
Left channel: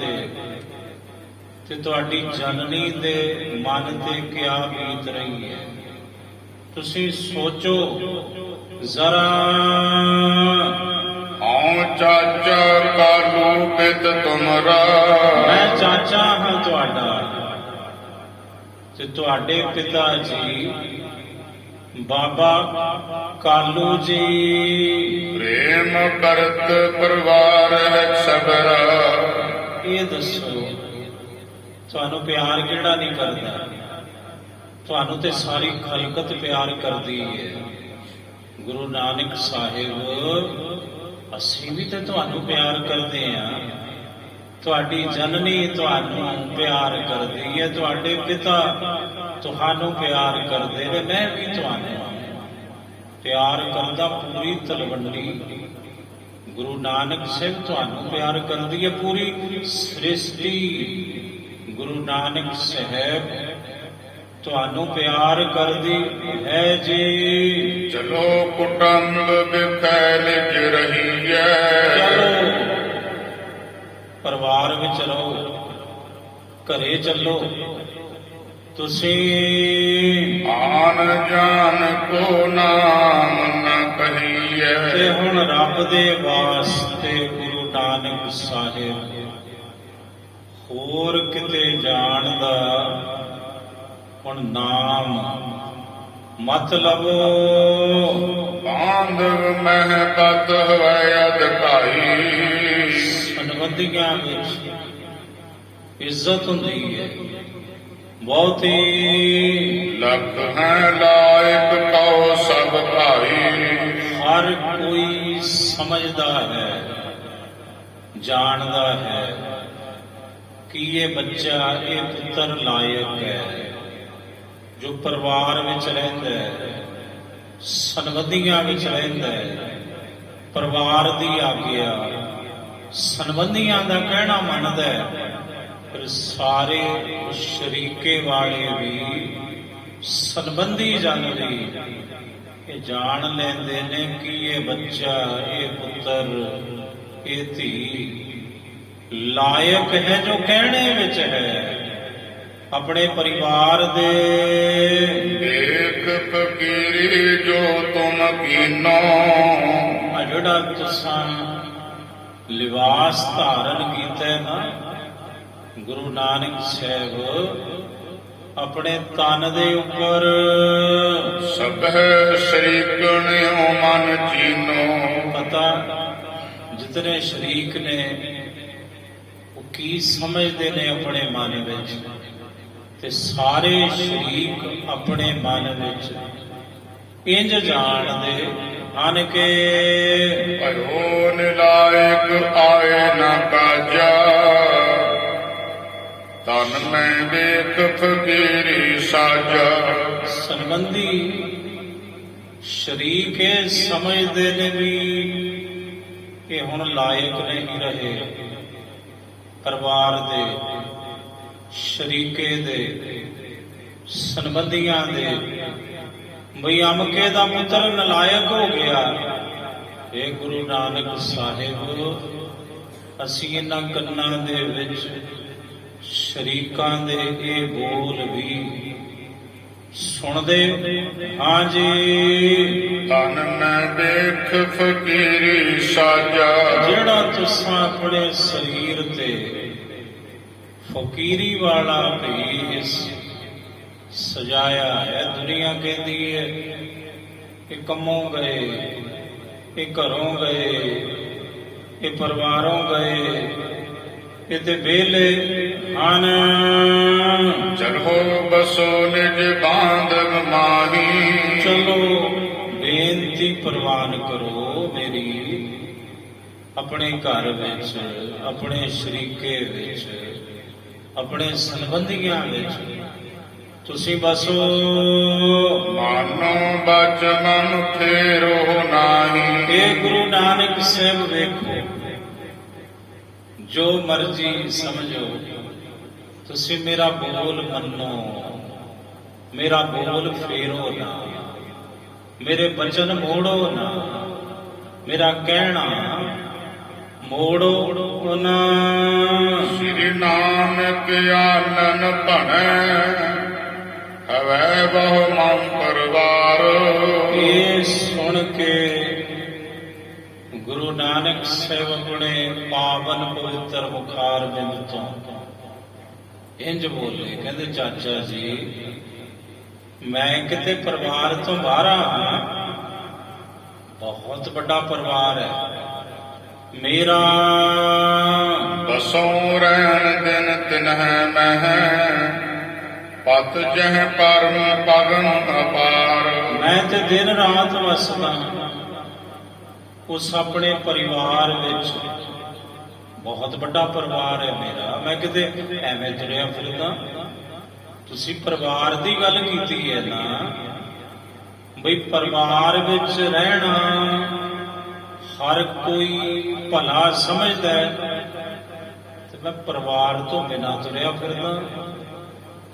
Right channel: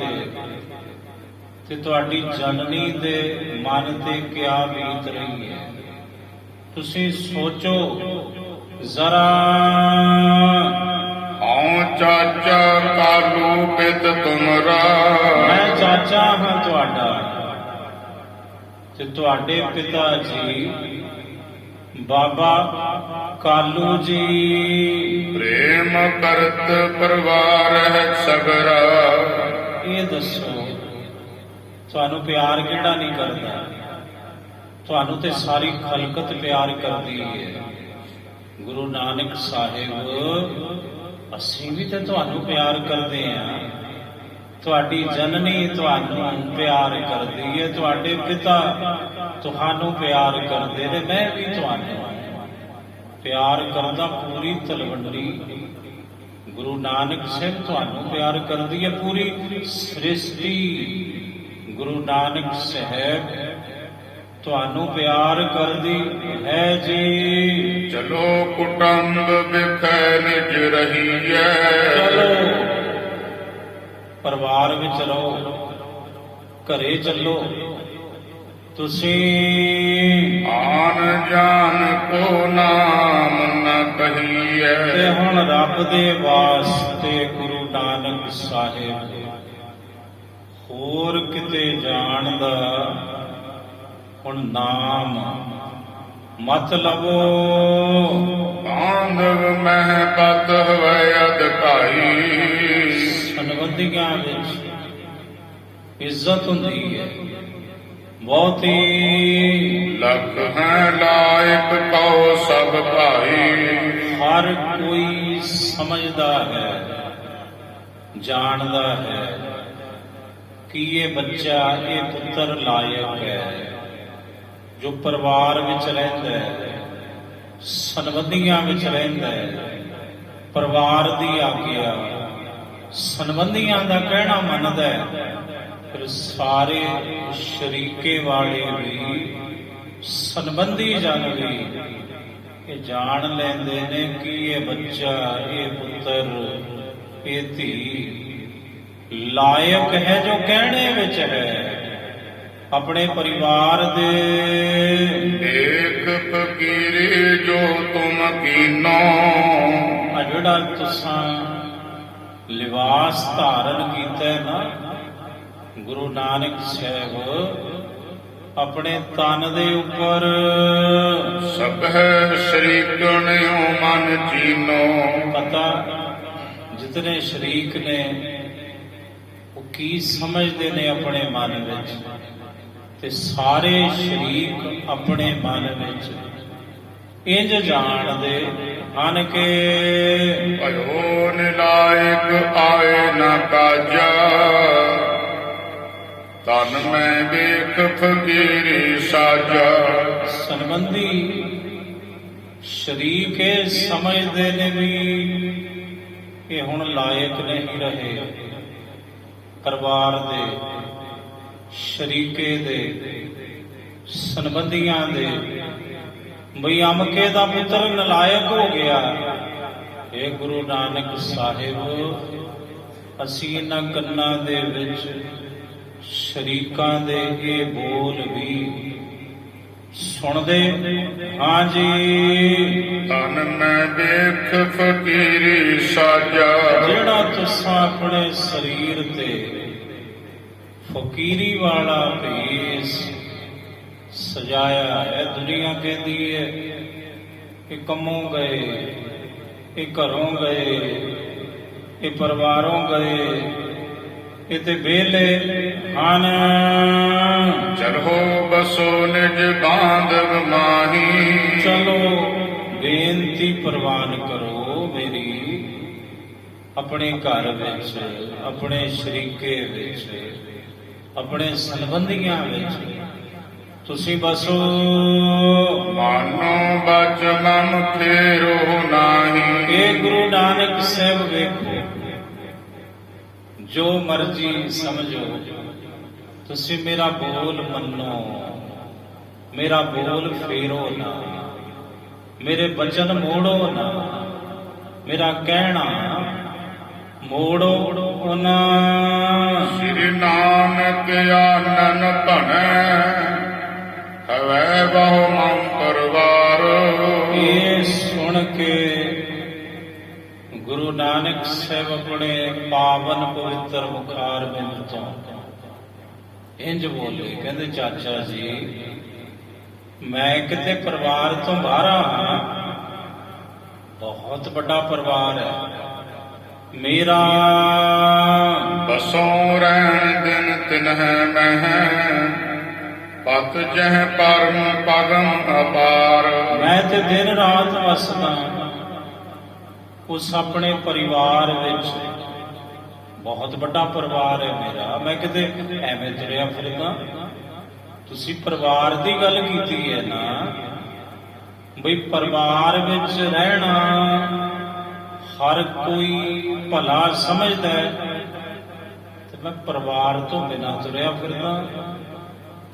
ਤੇ ਤੁਹਾਡੀ ਜਨਨੀ ਦੇ ਮਨ ਤੇ ਕਿਆ ਬੀਤ ਰਹੀ ਹੈ। ਤੁਸੀਂ ਸੋਚੋ ਜ਼ਰਾ। ਹਉ ਚਾਚਾ ਕਾਲੂ ਪਿਤ ਤੁਮਰਾ, ਮੈਂ ਚਾਚਾ ਹਾਂ ਤੁਹਾਡਾ ਤੇ ਤੁਹਾਡੇ ਪਿਤਾ ਜੀ ਬਾਬਾ ਕਾਲੂ ਜੀ। ਪ੍ਰੇਮ ਕਰਤ ਪਰਿਵਾਰ ਹੈ ਸਗਰਾ। ਇਹ ਦੱਸੋ ਤੁਹਾਨੂੰ ਪਿਆਰ ਕਿਹੜਾ ਨਹੀਂ ਕਰਦਾ? ਤੁਹਾਨੂੰ ਤੇ ਸਾਰੀ ਖਲਕਤ ਪਿਆਰ ਕਰਦੀ ਹੈ। ਗੁਰੂ ਨਾਨਕ ਸਾਹਿਬ ਅਸੀਂ ਵੀ ਤਾਂ ਤੁਹਾਨੂੰ ਪਿਆਰ ਕਰਦੇ ਹਾਂ। ਤੁਹਾਡੀ ਜਨਨੀ ਤੁਹਾਨੂੰ ਪਿਆਰ ਕਰਦੀ ਹੈ, ਤੁਹਾਡੇ ਪਿਤਾ ਤੁਹਾਨੂੰ ਪਿਆਰ ਕਰਦੇ ਨੇ, ਮੈਂ ਵੀ ਤੁਹਾਨੂੰ ਪਿਆਰ ਕਰਦਾ। ਪੂਰੀ ਤਲਵੰਡੀ ਗੁਰੂ ਨਾਨਕ ਸਾਹਿਬ ਤੁਹਾਨੂੰ ਪਿਆਰ ਕਰਦੀ ਹੈ। ਪੂਰੀ ਸ੍ਰਿਸ਼ਟੀ ਗੁਰੂ ਨਾਨਕ ਸਾਹਿਬ ਤੁਹਾਨੂੰ ਪਿਆਰ ਕਰਦੀ ਹੈ ਜੀ। ਚਲੋ ਕੁਟੰਬ ਬਿਖੈ ਨਿਜ ਰਹੀਐ, ਚਲੋ ਪਰਿਵਾਰ ਵਿੱਚ ਰਹੋ, ਘਰੇ ਚੱਲੋ। ਤੁਸੀਂ ਆਨ ਜਾਨ ਕੋ ਨਾਮ ਨ ਕਹੀਐ। ਤੇ ਹੁਣ ਰੱਬ ਦੇ ਵਾਸਤੇ ਗੁਰੂ ਨਾਨਕ ਸਾਹਿਬ ਹੋਰ ਕਿਤੇ ਜਾਣ ਦਾ ਹੁਣ ਨਾਮ ਮਤ ਲਵੋ। ਬਾਂਧਵ ਮਹਿ ਪਤ ਹੋਇ ਅਧਿਕਾਈ, ਸੰਬੰਧੀਆਂ ਵਿੱਚ ਇੱਜ਼ਤ ਹੁੰਦੀ ਹੈ ਬਹੁਤੀ। ਲਖ ਹੈ ਲਾਇਕ ਕਉ ਸਭ ਭਾਈ, ਹਰ ਕੋਈ ਸਮਝਦਾ ਹੈ, ਜਾਣਦਾ ਹੈ ਕਿ ਇਹ ਬੱਚਾ, ਇਹ ਪੁੱਤਰ ਲਾਇਕ ਹੈ, ਜੋ ਪਰਿਵਾਰ ਵਿੱਚ ਰਹਿੰਦਾ ਹੈ, ਸੰਬੰਧੀਆਂ ਵਿੱਚ ਰਹਿੰਦਾ ਹੈ, ਪਰਿਵਾਰ ਦੀ ਆਗਿਆ, ਸੰਬੰਧੀਆਂ ਦਾ ਕਹਿਣਾ ਮੰਨਦਾ ਹੈ। ਫਿਰ ਸਾਰੇ ਸ਼ਰੀਕੇ ਵਾਲੇ ਵੀ ਸੰਬੰਧੀ ਜਨ ਵੀ ਇਹ ਜਾਣ ਲੈਂਦੇ ਨੇ ਕਿ ਇਹ ਬੱਚਾ, ਇਹ ਪੁੱਤਰ, ਇਹ ਧੀ ਲਾਇਕ ਹੈ ਜੋ ਕਹਿਣੇ ਵਿੱਚ ਹੈ ਆਪਣੇ ਪਰਿਵਾਰ ਦੇ। ਏਕ ਫਕੀਰੀ ਜੋ ਤੁਮ ਕੀਨੋ, ਆ ਜਿਹੜਾ ਤੁਸਾਂ ਲਿਬਾਸ ਧਾਰਨ ਕੀਤਾ ਹੈ ਨਾ, ਗੁਰੂ ਨਾਨਕ ਸਾਹਿਬ ਆਪਣੇ ਤਨ ਦੇ ਉੱਪਰ ਸਭੈ ਸ਼ਰੀਕਣਿਓ ਮਨ ਚੀਨੋ। ਪਤਾ ਜਿਤਨੇ ਸ਼ਰੀਕ ਨੇ ਉਹ ਕੀ ਸਮਝਦੇ ਨੇ ਆਪਣੇ ਮਨ ਵਿੱਚ, ਤੇ ਸਾਰੇ ਸ਼ਰੀਕ ਆਪਣੇ ਮਨ ਵਿੱਚ ਇੰਜ ਜਾਣਦੇ ਆਨ ਕੇ ਭਇਓ ਨਿਲਾਇਕ ਆਏ ਨਾ ਕਾਜਾ ਤਨ ਮੈਂ ਵੇਖ ਫਕੀਰੀ ਸਾਜਾ ਸੰਬੰਧੀ ਸ਼ਰੀਕੇ ਸਮਝਦੇ ਨੇ ਵੀ ਇਹ ਹੁਣ ਲਾਇਕ ਨਹੀਂ ਰਹੇ ਪਰਿਵਾਰ ਦੇ ਸ਼ਰੀਕੇ ਦੇ ਸੰਬੰਧੀਆਂ ਦੇ ਬਈ ਅਮਕੇ ਦਾ ਮਿੱਤਰ ਨਲਾਇਕ ਹੋ ਗਿਆ। ਇਹ ਗੁਰੂ ਨਾਨਕ ਸਾਹਿਬ ਅਸੀਂ ਇਹਨਾਂ ਕੰਨਾਂ ਦੇ ਵਿੱਚ ਸ਼ਰੀਕਾਂ ਦੇ ਇਹ ਬੋਲ ਵੀ ਸੁਣਦੇ ਹਾਂ ਜੀ। ਤਨ ਮੈਂ ਵੇਖ ਫਕੀਰੀ ਸਾਜਾ ਜਿਹੜਾ ਤੁਸਾਂ ਆਪਣੇ ਸਰੀਰ ਤੇ ਫਕੀਰੀ ਵਾਲਾ ਭੇਸ ਸਜਾਇਆ ਹੈ। ਦੁਨੀਆ ਕਹਿੰਦੀ ਹੈ ਇਹ ਕੰਮੋਂ ਗਏ, ਇਹ ਘਰੋਂ ਗਏ, ਇਹ ਪਰਿਵਾਰੋਂ ਗਏ, ਇਹ ਤੇ ਵਿਹਲੇ ਹਨ। ਚਲੋ ਬਸੋ ਨਿਜ ਬਾਂਧਵ ਮਾਹੀ ਚਲੋ ਬੇਨਤੀ ਪ੍ਰਵਾਨ ਕਰੋ ਮੇਰੀ ਆਪਣੇ ਘਰ ਵਿੱਚ, ਆਪਣੇ ਸ਼ਰੀਕੇ ਵਿੱਚ, ਆਪਣੇ ਸੰਬੰਧੀਆਂ ਵਿੱਚ ਤੁਸੀਂ ਬਸੋ। ਮਾਨੋ ਬਚ ਮਨ ਫੇਰੋ ਨਾਹੀ ਇਹ ਗੁਰੂ ਨਾਨਕ ਸਾਹਿਬ ਵੇਖੋ ਜੋ ਮਰਜ਼ੀ ਸਮਝੋ ਤੁਸੀਂ ਮੇਰਾ ਬੋਲ ਮੰਨੋ, ਮੇਰਾ ਬੋਲ ਫੇਰੋ ਨਾ, ਮੇਰੇ ਬਚਨ ਮੋੜੋ ਨਾ, ਮੇਰਾ ਕਹਿਣਾ ਮੋੜੋ ਨਾ। ਸ੍ਰੀ ਨਾਨਕ ਆਨਨ ਧਣੈ ਹਵੈ ਬਹੁ ਮਨ ਪਰਵਾਰ ਇਹ ਸੁਣ ਕੇ ਗੁਰੂ ਨਾਨਕ ਸਾਹਿਬ ਆਪਣੇ ਪਾਵਨ ਪਵਿੱਤਰ ਮੁਖਾਰ ਬਿੰਦ ਤੋਂ ਇੰਜ ਬੋਲੇ, ਕਹਿੰਦੇ ਚਾਚਾ ਜੀ ਮੈਂ ਕਿਤੇ ਪਰਿਵਾਰ ਤੋਂ ਬਾਹਰ ਹਾਂ, ਬਹੁਤ ਵੱਡਾ ਪਰਿਵਾਰ ਹੈ ਮੇਰਾ। ਬਸੋਂ ਰਹਿਣ ਦਿਨ ਤਿਨਹਿ ਮਹਿ ਪਤ ਜਹ ਪਰਮ ਪਗਮ ਅਪਾਰ ਮੈਂ ਤੇ ਦਿਨ ਰਾਤ ਵਸਦਾ ਉਸ ਆਪਣੇ ਪਰਿਵਾਰ ਵਿੱਚ, ਬਹੁਤ ਵੱਡਾ ਪਰਿਵਾਰ ਹੈ ਮੇਰਾ। ਮੈਂ ਕਿਤੇ ਐਵੇਂ ਤੁਰਿਆ ਫਿਰਦਾ, ਤੁਸੀਂ ਪਰਿਵਾਰ ਦੀ ਗੱਲ ਕੀਤੀ ਹੈ ਨਾ, ਬਈ ਪਰਿਵਾਰ ਵਿੱਚ ਰਹਿਣਾ ਹਰ ਕੋਈ ਭਲਾ ਸਮਝਦਾ ਹੈ ਤੇ ਮੈਂ ਪਰਿਵਾਰ ਤੋਂ ਬਿਨਾਂ ਤੁਰਿਆ ਫਿਰਦਾ।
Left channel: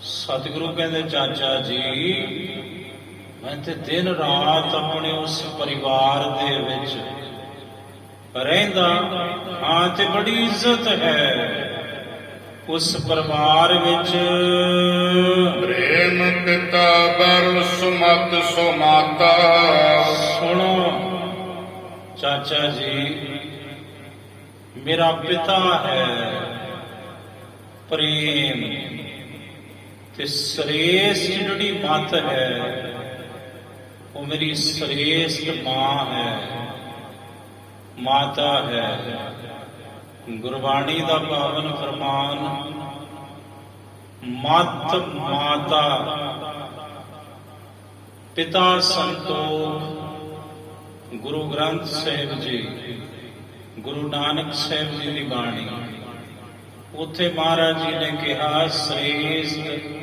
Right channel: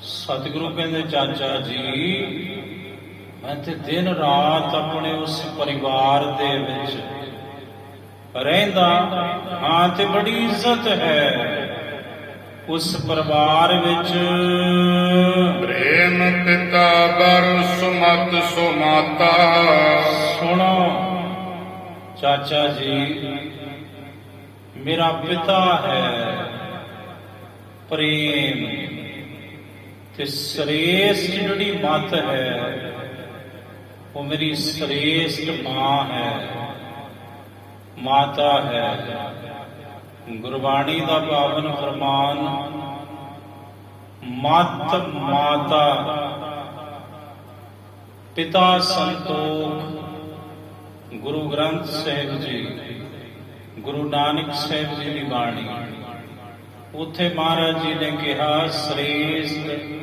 ਸਤਿਗੁਰੂ ਕਹਿੰਦੇ ਚਾਚਾ ਜੀ ਮੈਂ ਤੇ ਦਿਨ ਰਾਤ ਆਪਣੇ ਉਸ ਪਰਿਵਾਰ ਦੇ ਵਿੱਚ ਰਹਿੰਦਾ ਹਾਂ ਤੇ ਬੜੀ ਇੱਜ਼ਤ ਹੈ ਉਸ ਪਰਿਵਾਰ ਵਿੱਚ। ਪ੍ਰੇਮ ਪਿਤਾ ਬਰ ਸੁਮਤ ਸੋ ਮਾਤਾ ਸੁਣੋ ਚਾਚਾ ਜੀ ਮੇਰਾ ਪਿਤਾ ਹੈ ਪ੍ਰੇਮ ਤੇ ਸ੍ਰੇਸ਼ਟ ਜਿਹੜੀ ਮੱਤ ਹੈ ਉਹ ਮੇਰੀ ਸ੍ਰੇਸ਼ਟ ਮਾਂ ਹੈ, ਮਾਤਾ ਹੈ। ਗੁਰਬਾਣੀ ਦਾ ਪਾਵਨ ਫਰਮਾਨ ਮਤ ਮਾਤਾ ਪਿਤਾ ਸੰਤੋਖ। ਗੁਰੂ ਗ੍ਰੰਥ ਸਾਹਿਬ ਜੀ, ਗੁਰੂ ਨਾਨਕ ਸਾਹਿਬ ਜੀ ਦੀ ਬਾਣੀ, ਉੱਥੇ ਮਹਾਰਾਜ ਜੀ ਨੇ ਕਿਹਾ ਸ੍ਰੇਸ਼ਟ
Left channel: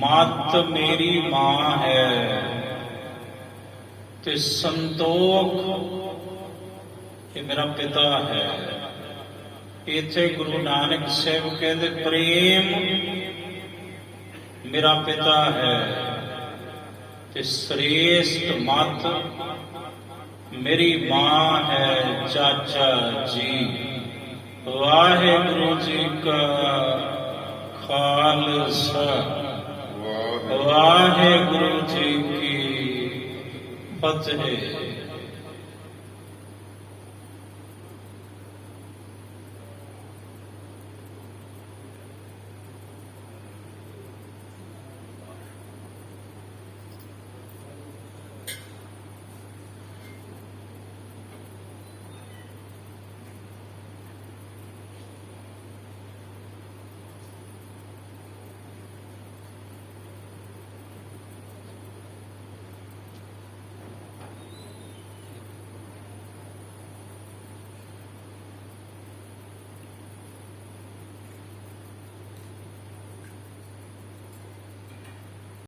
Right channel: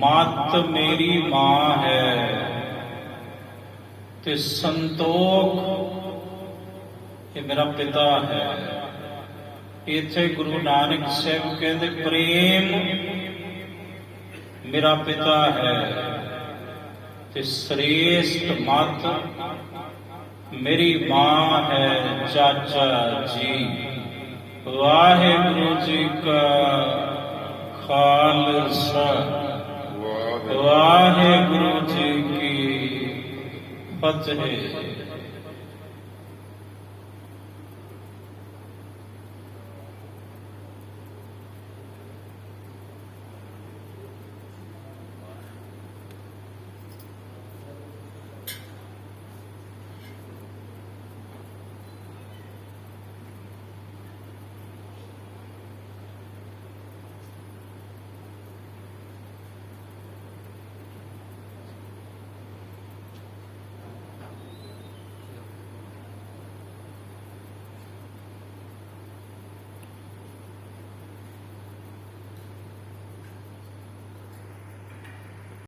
ਮਤ ਮੇਰੀ ਮਾਂ ਹੈ ਤੇ ਸੰਤੋਖ ਇਹ ਮੇਰਾ ਪਿਤਾ ਹੈ। ਇੱਥੇ ਗੁਰੂ ਨਾਨਕ ਸਾਹਿਬ ਕਹਿੰਦੇ ਪ੍ਰੇਮ ਮੇਰਾ ਪਿਤਾ ਹੈ ਤੇ ਸ੍ਰੇਸ਼ਟ ਮਤ ਮੇਰੀ ਮਾਂ ਹੈ ਚਾਚਾ ਜੀ। ਵਾਹਿਗੁਰੂ ਜੀ ਕਾ ਖਾਲਸਾ ਵਾਹਿਗੁਰੂ ਜੀ ਕੀ ਫਤਿਹ।